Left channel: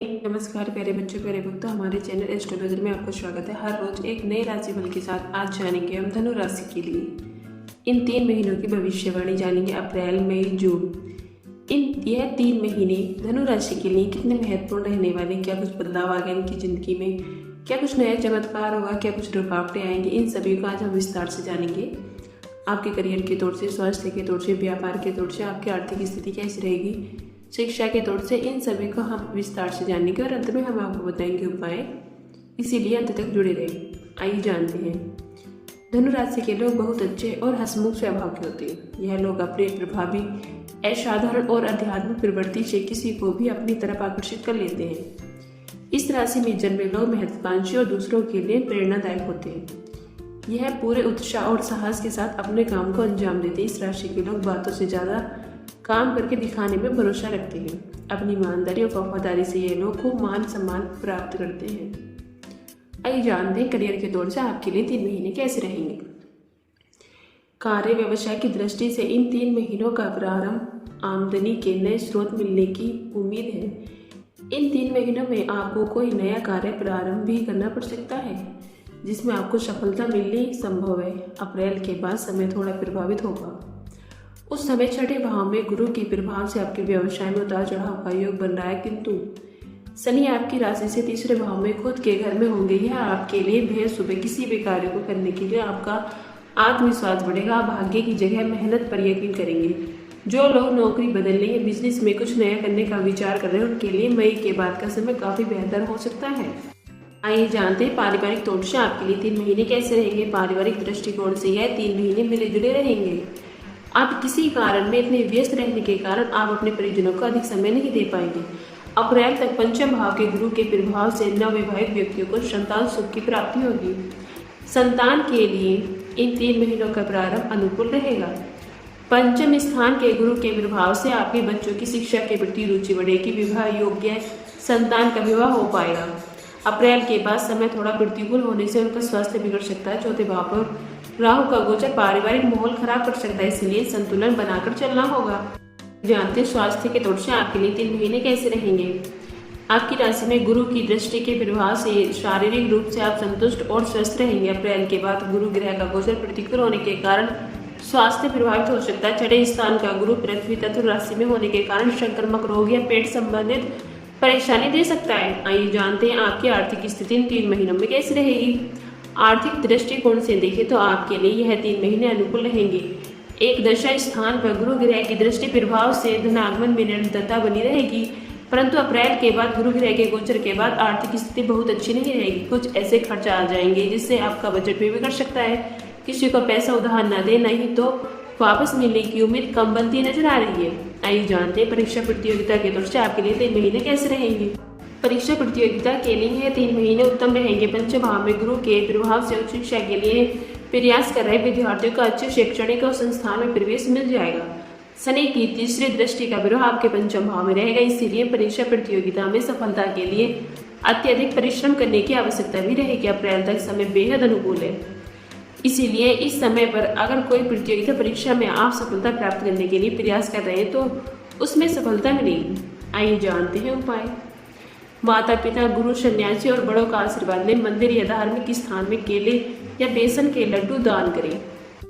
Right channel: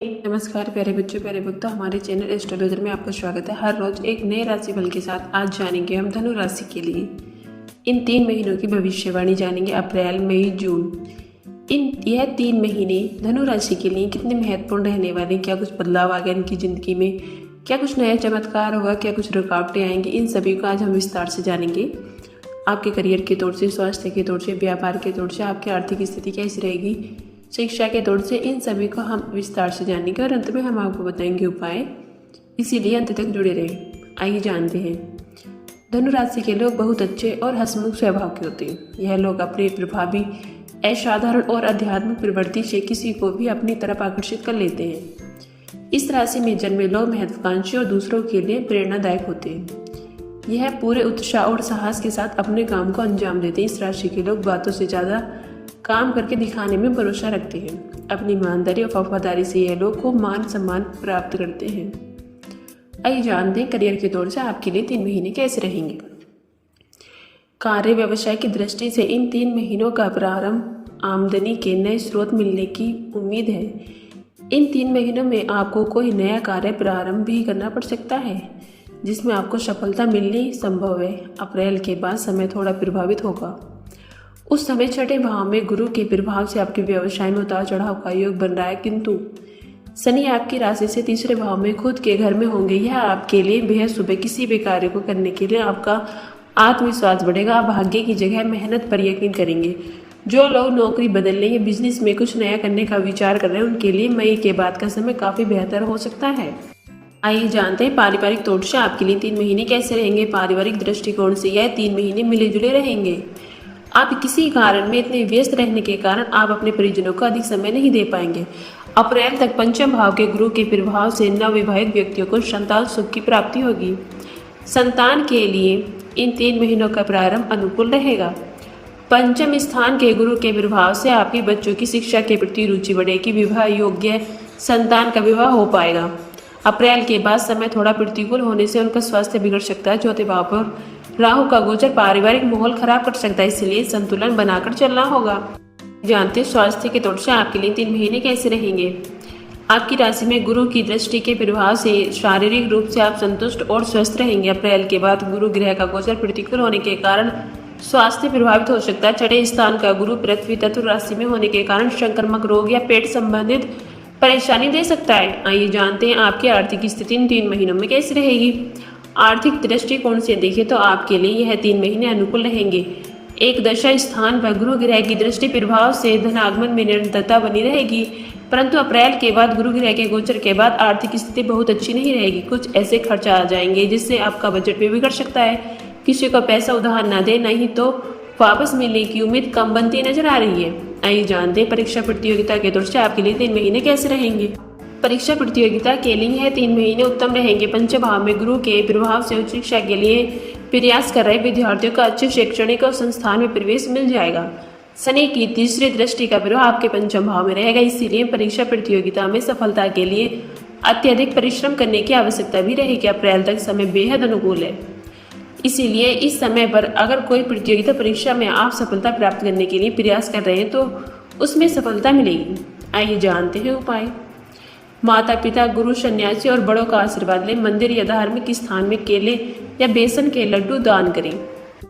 नमस्कार प्यारे बच्चों, प्यारे भक्तों, हमारे चैनल एस्ट्रोलॉजर में आपका स्वागत है। हर रोज एक नए राशिफल के साथ आज जानेंगे हम धनु राशि के लिए इन 3 महीनों की भविष्यवाणी जानेंगे। अप्रैल, मई, जून, यह 3 महीने धनु राशि के लिए कितने महत्वपूर्ण रहने वाले हैं। क्या कुछ बदलाव आ गया इनकी जिंदगी में, क्या कुछ नया चमत्कार होगा, क्या कुछ रुकावटें आएंगी, इन सभी को आज हम विस्तार से जानेंगे। आपके करियर के तौर से, स्वास्थ्य के तौर से, व्यापार के तौर से आपकी आर्थिक स्थिति कैसी रहेगी, शिक्षा के तौर से, इन सभी को हम विस्तार से जानेंगे और अंत में हम आपको बताएंगे उपाय, इसीलिए अंत तक जुड़े रहें। आइए जानते हैं। धनु राशि के लोग बहुत अच्छे और हंसमुख स्वभाव के होते हैं। यह लोग अपने प्रभावी, असाधारण और आध्यात्मिक प्रवृत्ति से किसी को भी अपनी तरफ आकर्षित कर लेते हैं। इस राशि में जन्मे लोग महत्वाकांक्षी और दूसरों के लिए प्रेरणादायक होते हैं। यह पूरे उत्साह और साहस के साथ अपने काम को अंजाम देते हैं। इस राशि के लोग बातों से ज़्यादा काम करके दिखाने में भरोसा रखते हैं। अपनी ईमानदारी और वफादारी से यह लोग खूब मान सम्मान प्राप्त करते हैं। आइए जानते हैं करियर के तौर से आपके लिए 3 महीने कैसे रहेंगे। कार्य व्यवसाय की दृष्टि से इन 3 महीनों का प्रारंभ आमदनी के नए स्रोत मिलने की उम्मीद है। इन 3 महीनों में आपको कोई नया कार्य प्रारंभ भी करना पड़ सकता है जिसमें आपको सफलता मिलनी संभव है। अप्रैल के बाद समय थोड़ा प्रभावित होगा। उस समय छठे भाव में गुरु के प्रभाव से आपके व्यवसाय में उतार चढ़ाव का योग बन रहा है, किंतु शनि आपकी राशि से तीसरे भाव में खुद के घर में होंगे। यह आपके लिए बेहद शुभ है। किसी भी कार्य को करने के लिए आपका आत्मविश्वास बढ़ेगा। आप भाग्य की जगह मेहनत पर यकीन करेंगे। जो लोग नौकरी बदलने या बिजनेस में कुछ नया करने का विचार कर रहे हैं उनके लिए मई के बाद का समय काफी बेहतर हो सकता है। आइए जानते हैं पारिवारिक तौर से आपके लिए 3 महीने कैसे रहेंगे। पारिवारिक दृष्टिकोण से यह 3 महीने मिले जुले रहेंगे। आप किसी कारण में इतने व्यस्त रहने के कारण आप अपने परिजनों को अधिक समय नहीं दे पाएंगे। अप्रैल तक पंचम भाव के गुरु के प्रभाव से नवविवाहित व्यक्तियों को संतान सुख की प्राप्ति होगी। संतान के लिए इन 3 महीनों का प्रारंभ अनुकूल रहेगा। पंचम स्थान के गुरु के प्रभाव से आपके बच्चों की शिक्षा के प्रति रुचि बढ़ेगी। विवाह योग्य संतान का विवाह हो पाएगा। अप्रैल के बाद समय थोड़ा प्रतिकूल होने से उनका स्वास्थ्य बिगड़ सकता है। चौथे भाव पर राहु का गोचर पारिवारिक माहौल खराब कर सकता है, इसलिए संतुलन बनाकर चलना होगा। जानते हैं स्वास्थ्य के तौर से आपके लिए 3 महीने कैसे रहेंगे। आपकी राशि में गुरु की दृष्टि के प्रभाव से शारीरिक रूप से आप संतुष्ट और स्वस्थ रहेंगे। अप्रैल के बाद गुरु ग्रह का गोचर प्रतिकूल होने के कारण स्वास्थ्य प्रभावित हो सकता है। छठे स्थान का गुरु पृथ्वी तत्व राशि में होने के कारण संक्रामक रोग या पेट संबंधित परेशानी दे सकता है। आइए जानते हैं आपकी आर्थिक स्थिति इन 3 महीनों में कैसी रहेगी। आर्थिक दृष्टिकोण से देखें तो आपके लिए यह 3 महीने अनुकूल रहेंगे। एक दशा स्थान पर गुरु ग्रह की दृष्टि प्रभाव से धनागमन में निरंतरता बनी रहेगी, परंतु अप्रैल के बाद गुरु ग्रह के गोचर के बाद आर्थिक स्थिति बहुत अच्छी नहीं रहेगी। कुछ ऐसे खर्च आ जाएंगे जिससे आपका बजट भी बिगड़ सकता है। किसी को पैसा उधार न दे, नहीं तो वापस मिलने की उम्मीद कम बनती नजर आ रही है। आइए जानते हैं परीक्षा प्रतियोगिता के तौर से आपके लिए 3 महीने कैसे रहेंगे। परीक्षा प्रतियोगिता के लिए यह 3 महीने उत्तम रहेंगे। पंचम भाव में गुरु के प्रभाव से उच्च शिक्षा के लिए प्रयास कर रहे विद्यार्थियों को अच्छे शैक्षणिक और संस्थान में प्रवेश मिल जाएगा। शनि की तीसरी दृष्टि का प्रभाव आपके पंचम भाव में रहेगा, इसीलिए परीक्षा प्रतियोगिता में सफलता के लिए अत्यधिक परिश्रम करने की आवश्यकता भी रहेगी। अप्रैल तक समय बेहद अनुकूल है, इसीलिए इस समय पर अगर कोई प्रतियोगिता परीक्षा में आप सफलता प्राप्त करने के लिए प्रयास कर रहे हैं तो उसमें सफलता मिलेगी। आइए जानते हैं उपाय। माता पिता, गुरु, सन्यासी और बड़ों का आशीर्वाद लें। मंदिर या धार्मिक स्थान में केले या बेसन के लड्डू दान करें।